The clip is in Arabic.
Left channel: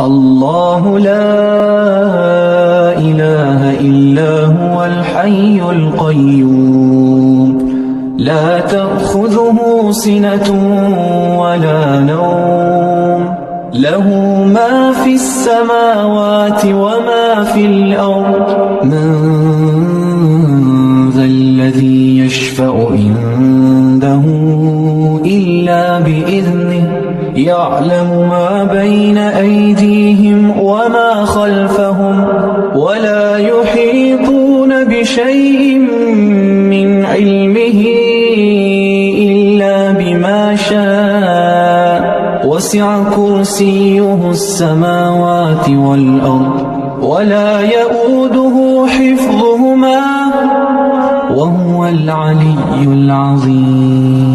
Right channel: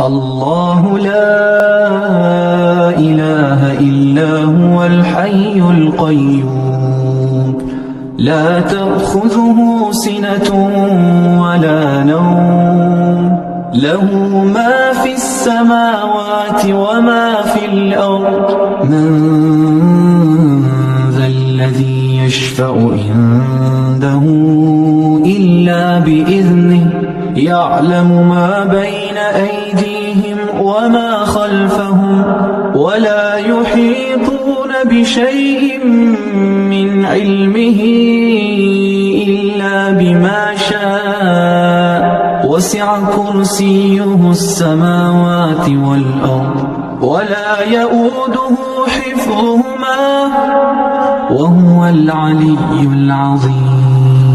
الله لا إله إلا هو الحي القيوم لا تأخذه سنة ولا نوم له ما في السماوات وما في الأرض من ذا الذي يشفع عنده إلا بإذنه يعلم ما بين أيديهم وما خلفهم ولا يحيطون بشيء من علمه إلا بما شاء وسع كرسيه السماوات والأرض ولا يؤوده حفظهما وهو العلي العظيم.